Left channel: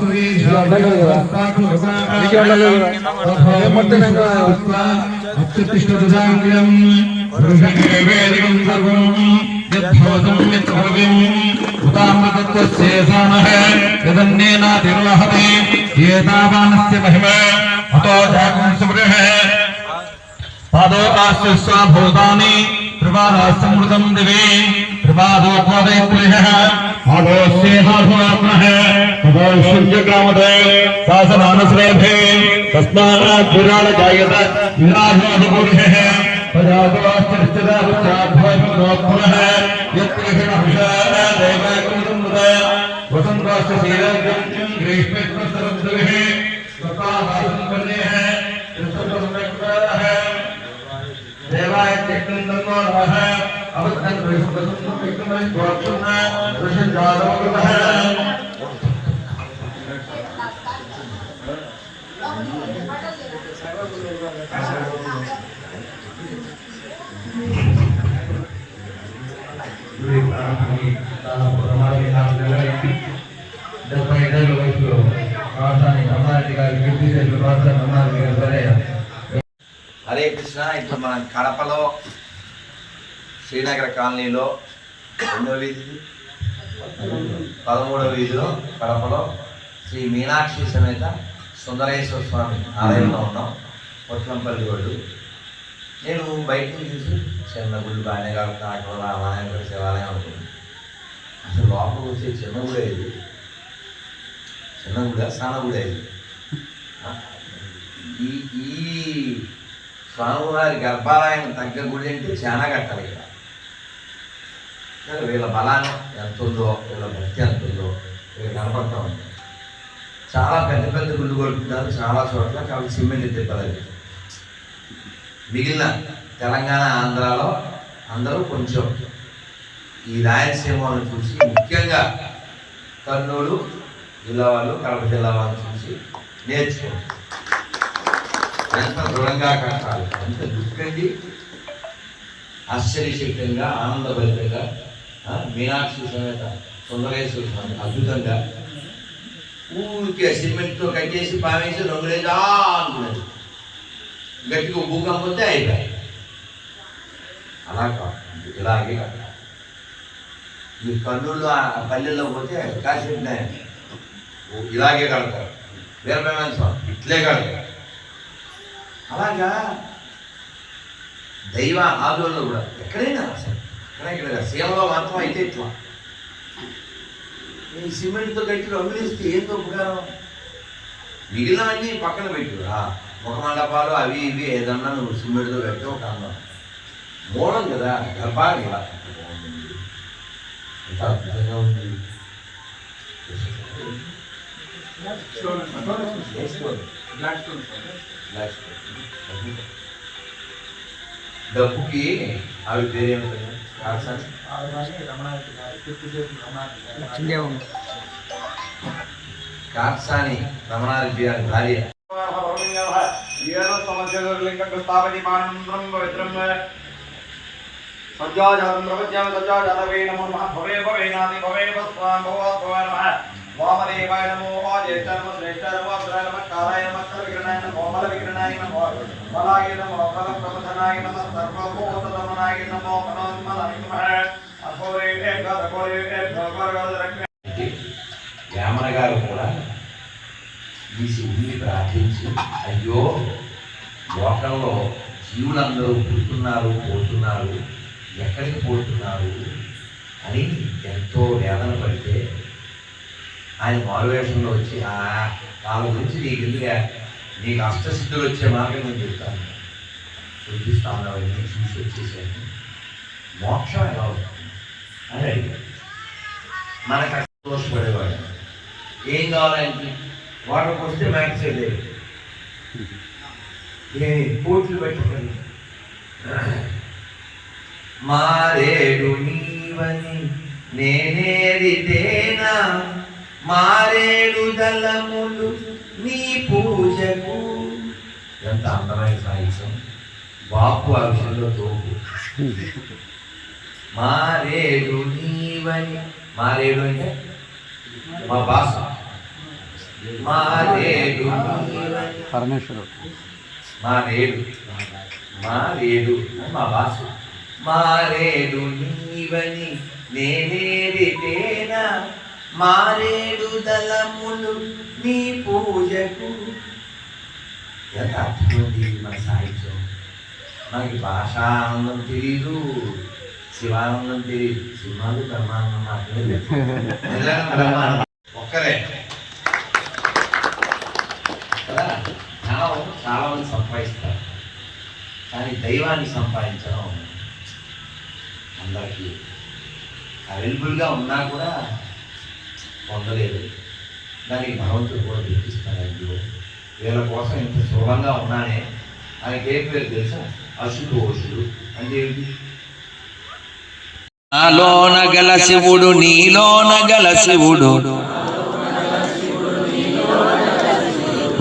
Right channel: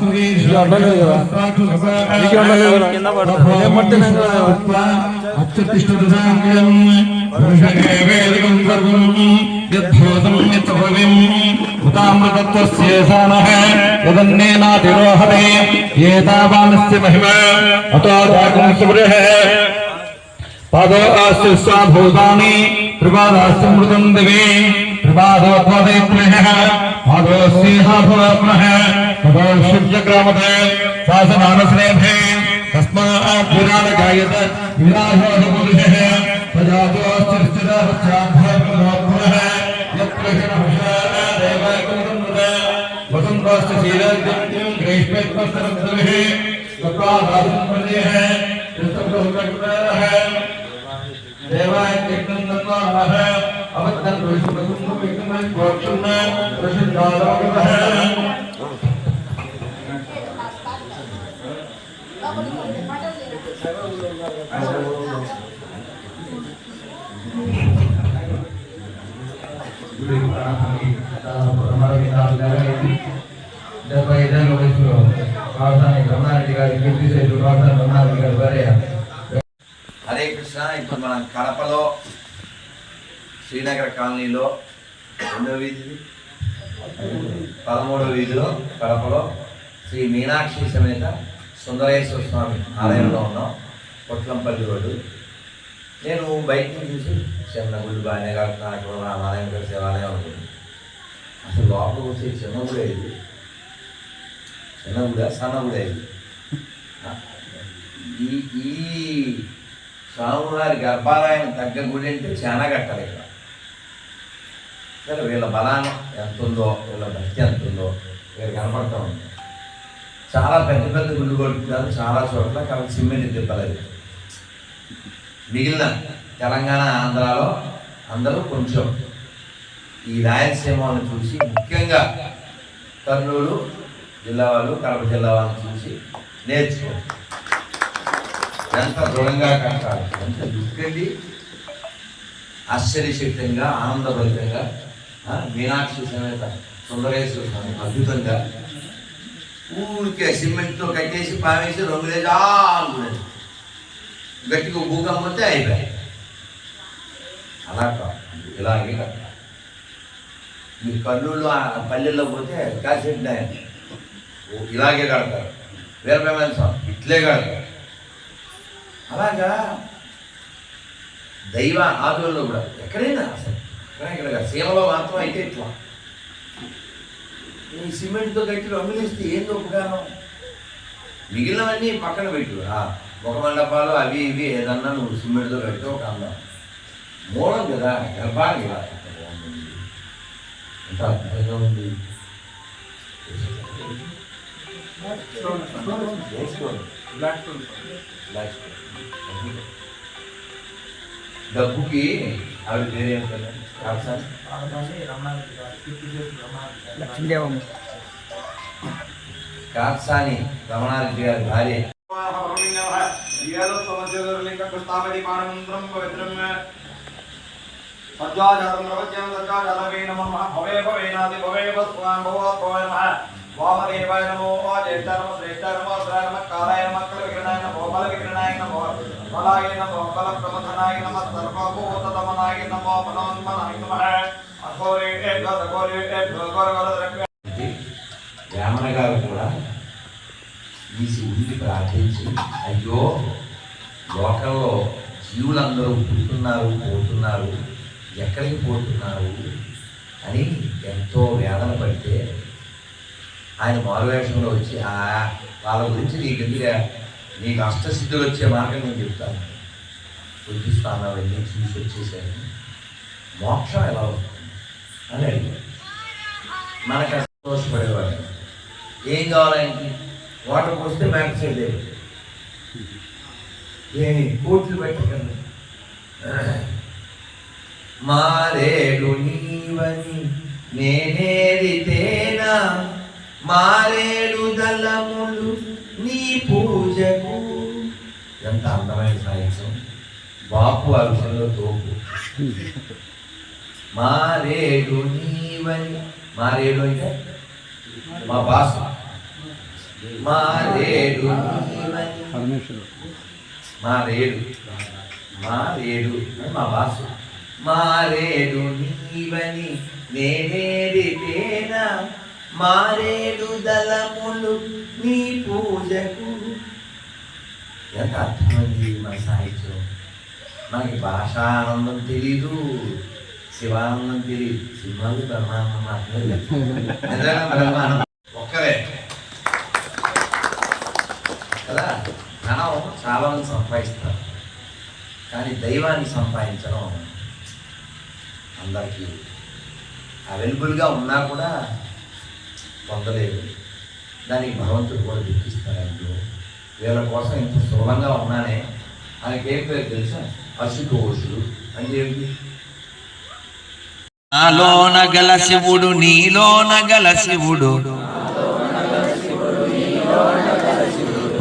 నీకు ఉండలేదు కదా నీకు ఉండలేదు కదా నేను మట్టినాం కదా అత్యుత్తిష్టం పురుషదేవేదకం आघोस्नेहाभवामः तदौषुर्यग्रामते सासमानस्नेभे तस्मात् विराजगायत विराजोदुर्गः प्रजातोश्चिश्चिदाभ्याभ्योत्पुरः वसंतोष्टशीलज्ञम् ग्रीष्मत्वस्तरद्विः स्वपादासम्पन्नेः कृष्णप्रसम्यक्तारः देवायत्यक्तम् नमः। హరే కృష్ణ ఇప్పుడు మనం కడపలో శ్రీనగర్ కాలనీలో రెండో వీధి. పదమూడో వీధిలో కడపలో శ్రీ మీనాక్షి సమేత సుందరేశ్వర స్వామి ఆలయంలో ఉన్నాం. పొట్లంపల్లి రోడ్డు. నేను బయట నుంచి చూసి చిన్న గుడి బాగానే కాకుండా అక్కడ ఉన్న ఆలయం కూడా శివాలయం అనుకుంటున్నాను అసలు లోపల వచ్చే చిన్న గుడి అయింది చిన్న గుడి సన్న గుడి అయింది ఈ ఈ స్వామివారి గర్భాలయం తగ్గ గుడి అంటే చాలా కట్టాలి ఇక్కడ. కానీ వీళ్ళ బలానం ఎంత ఉందో వీళ్ళ భక్తి ఎంత ఉందో వీళ్ళు కనపడతా ఉంది. చాలా పెద్ద పెద్ద గుళ్ళు కొడుతున్నారు చాలా చోట్ల కాబట్టి సిమెంట్ తిప్పలేదు. మిగిలిన తెలంగాణ ఆంధ్రాలో అందరూ కొంచెం ఈ రాయలసీమలను చూసి ముఖ్యంగా కర్నూలు జిల్లా వాళ్ళు కడప జిల్లా వాళ్ళని చూసి నేర్చుకో ఎంత దృఢంగా కట్టాలి ఎంత దుఃఖండి ఆశ్చర్యశక్తంగా ఆనందభరితంగా మీనాక్షి సమేత సుందరేశ్వర స్వామి అద్భుతంగా ఊరికే సిమెంట్తో కట్టేసి పావేసి రంగులేసి ఆనుకునేది గట్టిగా భూకంపం వస్తే అయిపోయాయి అలా కాదు ఇలాగే కట్టాలి మీరు కర్నూలు ఆ పల్లెల్లో పోతే కాశీ ఇలాగే కడతారు వీరభేమైన స్వామి ఇట్లే కడతారు అలాగా దైవ ఆదుల్లో కూడా ఎక్కడైనా అసలు ఎక్కడ ఇక్కడ. సీమలో మాత్రం అయితే ఇట్లా. ఈ సిమెంట్తో కట్టి రంగులేస్తే ఏందో ఉపకారం మిగిలినవన్నీ పక్కన పెట్టు. ఆ ముఖ మండపాలు అవి ఇవి ఏదన్నా నువ్వు సిమెంట్తో కట్టి ఒక అందం. మూలం కదా గర్భానికి ఇలా ఎంత బాగుంటుంది ఎంత అద్భుతంగా ఉంది ఏ స్టోన్? Black stone. డబ్బుకి అవి పేరు ఏమిటండి కాల్సాలి లక్ష్మీదేవమ్మ కాత్సాని రమణారెడ్డి గారి భార్య వామదేవాయ నమో జ్యేష్ఠ నమో శ్రేష్ఠ నమో అగ్రాయ నమో కారాయ నమో నమో బల విగ్రహాయ నమో బలాయ నమో బలం ప్రమథనాయ నమో సర్వభూతదమనాయ నమో మనోన్మనాయ నమః అఘోరే అఘోరే వేమన గారు కూడా ఈ శివుడిని ప్రార్థించి అయ్యో లోకంలో జీవులందరూ పుడుతున్నారు పోతున్నారు ఎక్కడికి పోతున్నారు అని ఎంతో వేదన పడితే ఆయన మారువేషంలో వచ్చి "ఆ, వాళ్ళ గురించి నీకు ఎందుకు నీకు అష్టసిద్ధులు వచ్చే మార్గం నేను చెప్తాను. బుద్ధిస్తాను అవన్నీ చూసి వచ్చేసాను మోక్షం ఎలా అవుతుంది అని అడిగాడు. మనకు సంతోషపడేవాడు ఏం కావాలంటే వాటర్ వస్తే మ్యాక్స్ లేదు. ఏ కోట్లు పెట్టకండి. మారేడు నీవని నేనేరితేనా మారేడు దళములు నీ పూజకు. ఎంత అందమైన సాహిత్యం. బాపు ఆ విషయంలో తోపు. మారేడు నీవని మారేడు అంటే మా బాసు. మారేడు పరమేశ్వరుడు. మారేడు. మారేడు అని మా భాష మారేడు నీవని నేనేడితేనా మారేడు దళములు నీ పూజకు. ఎంత అర్థమైంది మన సాహిత్యం. మనకి భాషానందం తెలీదు శివానందం తెలియదు సినిమాలు బ్రహ్మానందం మాత్రమే బ్రహ్మానందం. ఒక్కరే. కదా? ధనం చాలా మంది సంపాదిస్తారు. కానీ దైవాన్ని సంపాదించడం అందరికీ. అవైలబుల్గా ఉన్నా కూడా పొందలేదు. దానికి భగవంతుడు కూడా దుఃఖిస్తాడు ఇంట్లో వీళ్ళ కోసం ఇంత సులభంగా ఉన్నానే. ఆయనకి ఏ పేరు తెలుసా? అశుతోషుడు. అంటే ఏమిటి? నాలోన గల శివుడు నీలోన గల శివుడు.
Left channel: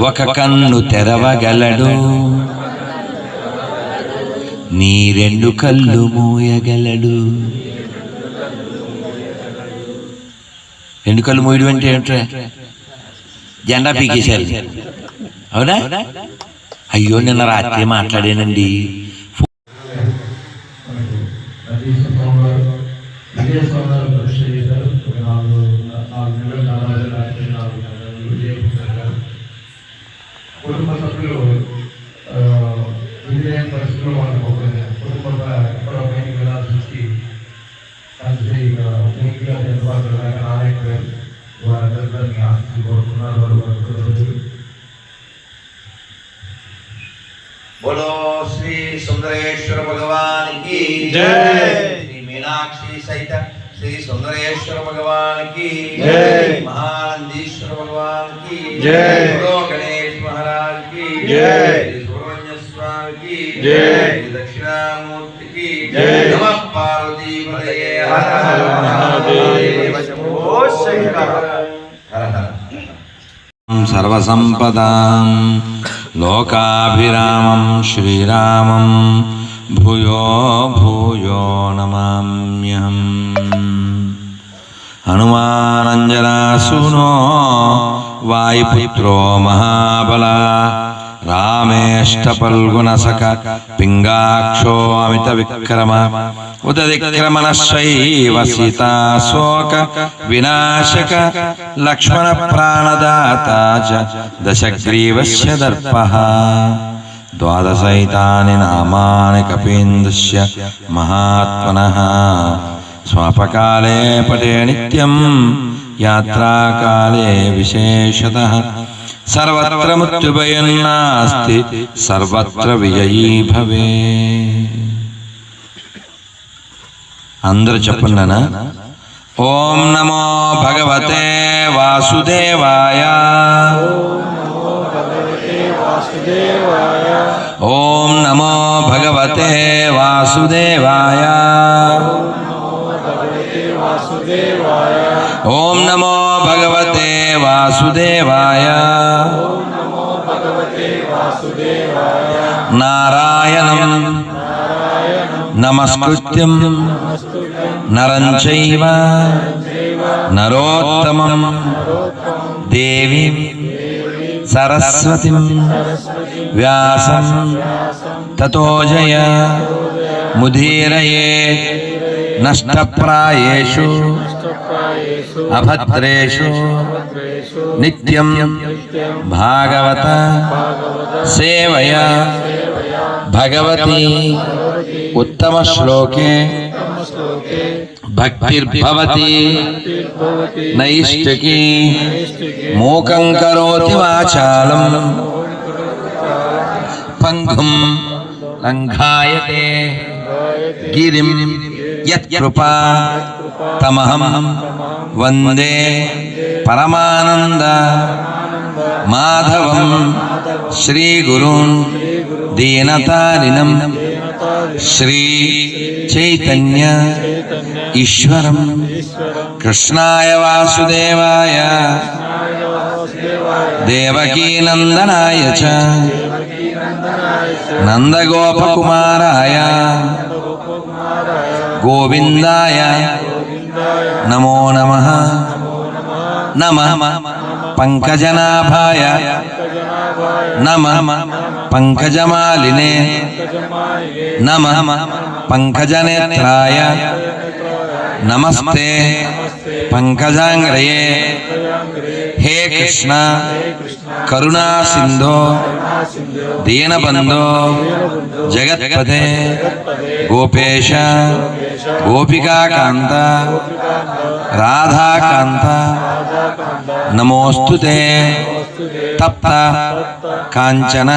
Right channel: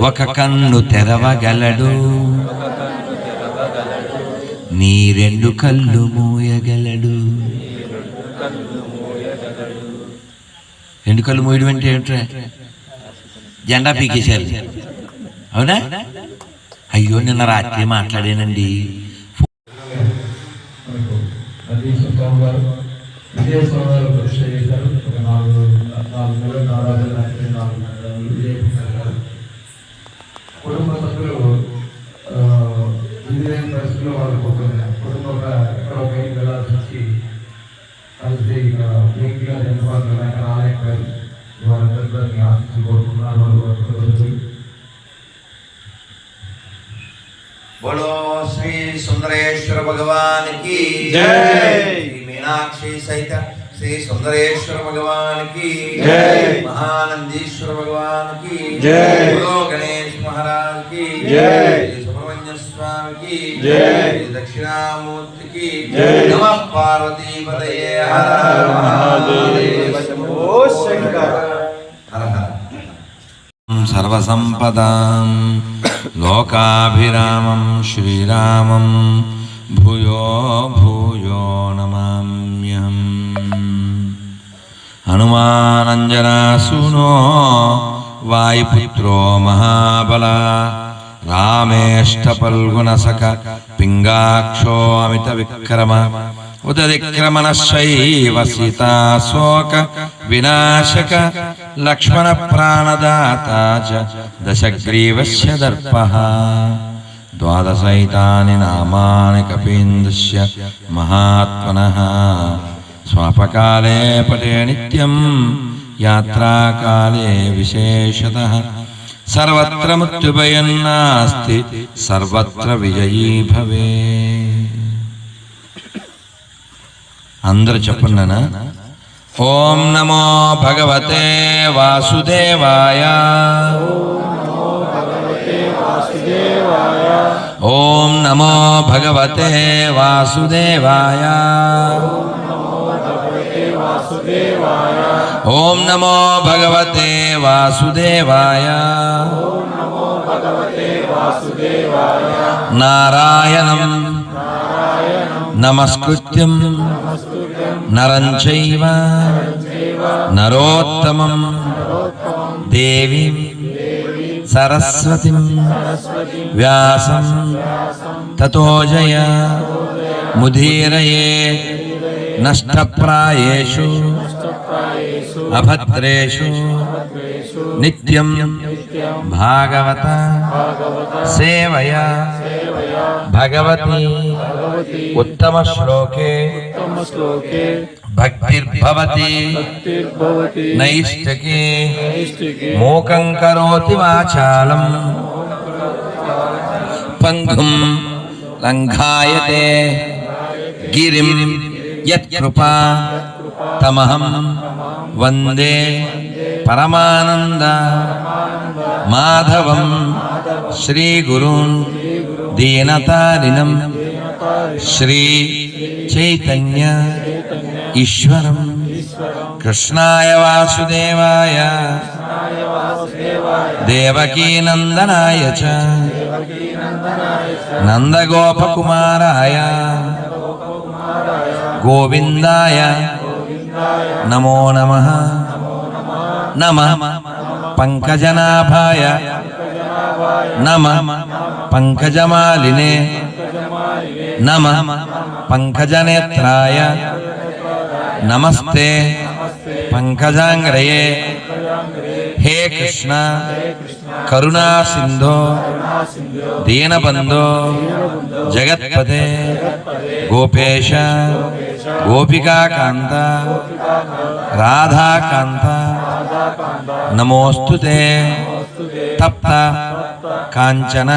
ఒక కన్ను తెరవగలడు. నీ రెండు కళ్ళు మూయగలడు. ఎన్నికలు కళ్ళు అంటే ఏమిట్రా జెండా పీకేశారు. అవునా? అయ్యో నిన్న రాత్రి మాట్లాడానండి. నదీశ్వర స్వామి గారు బోలో శ్రీ సుందరేశ్వర భగవానికి శ్రీ మీనాక్షి సైత శ్రీ సుందరేశ్వర భగవానికి మహానందీశ్వర భగవానికి బోలో గణేష్ మహారాజ్కి సుబ్రహ్మణ్య స్వామికి దక్షిణామూర్తికి నమ పార్వతీపదయే హర హర మహాదేవ హర హర సర్వసంపదాం లోకాభిరామం శ్రీరామం భూయో భూయో నమామ్యహం హనుమానంజనాసునో వాయుపుత్రో మహాబల రామేష్టపల్గుణసక పింగాక్షో అమిత విక్రమ ఉదరిక్రమణశైవ సీతాశోక వినాశక లక్ష్మణ ప్రాణద చ దశగ్రీవస్య దర్పః ద్వాదశైతాని నామాని కపీంద్రస్య మహాత్మనః స్వాపకాలే పటే నిత్యం యాత్రాకాలే విశేషతః సర్వత్ర మృత్యుభయం నాస్తి సర్వత్ర విజయీ భవే అందరూ చెప్పండి నాన్న ఓం నమో భగవతే వాసుదేవాయ. నమో భగవతే వాసుదేవాయ. ఓం నమో భగవతే వాసుదేవాయ వాసుదేవాయ. ఓం నమో భగవతే వాసుదేవాయ. నారాయణం నమస్కృత్యం. నరం చైవ నరోత్తమం. దేవి సరస్వతి. వ్యాసం వ్యాసం తతో నష్టప్రాయేషు. అభద్రేషు నిత్యం భాగవత సేవయా భగవతి ఉత్తమ శ్లోకే భక్తిర్భవతి నైష్టికి మూకం కరోతి వాచాలం పంగుం లంఘాయతే గిరిం యత్కృపా కృపా తమహం వందే పరమానంద మాధవం మాధవం శ్రీగురుం శ్రీ గురు దీనతారిణం శ్రీ చైతన్య ఈశ్వరం కృష్ణాయ వాసుదేవాయ దేవకీనందనాయ చ దేవకీ నందనాయ చ నందగోపకుమారాయ నందగోపాల గోకుమారాయ గోవిందాయ గోవిందాయ నమో నమ నమో నమ నమ नमस्ते पंकजांग्रये हे कृष्ण, करुणा सिंधो दीनबंधो जगत्पते, गोपेश गोपिका कांता राधा कांता नमोस्तुते तप्ता कांचन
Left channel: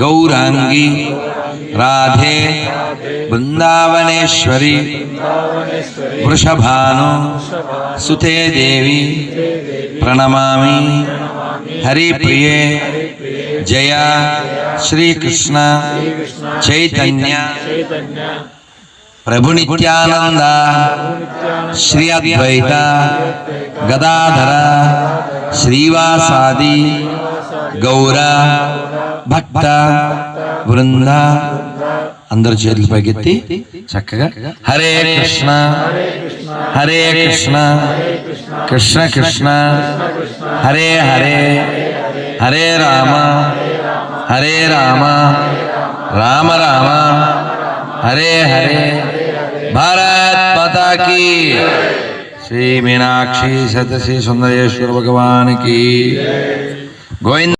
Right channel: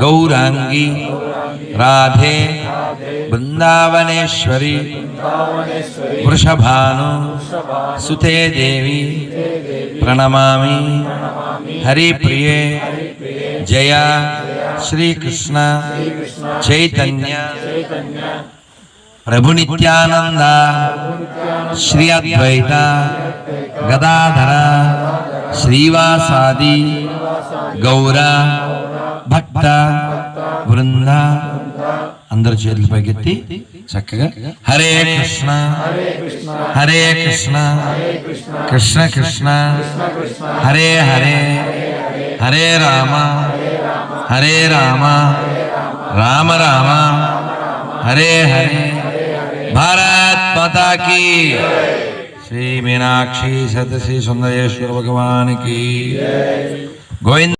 गौरांगी राधे वृंदावनेश्वरी వృషభాను సుతే దేవి ప్రణమామి. హరిప్రియే జయ శ్రీకృష్ణ చైతన్య. చైతన్య. ప్రభు నిత్యానంద ప్రభు నిత్యానంద శ్రీ అద్వైత గదాధర శ్రీవాసాది గౌర భక్త బృంద. అందరు చేతులు పైకెత్తి చక్కగా హరే కృష్ణ. హరే కృష్ణ. కృష్ణ. కృష్ణ. హరే హరే. హరే రామ. హరే రామ. రామ రామ. హరే హరే. భారత్ మాతా की శ్రీ మీనాక్షి సతశ్రీ సుందరేశ్వర భగవాన్ की గోవింద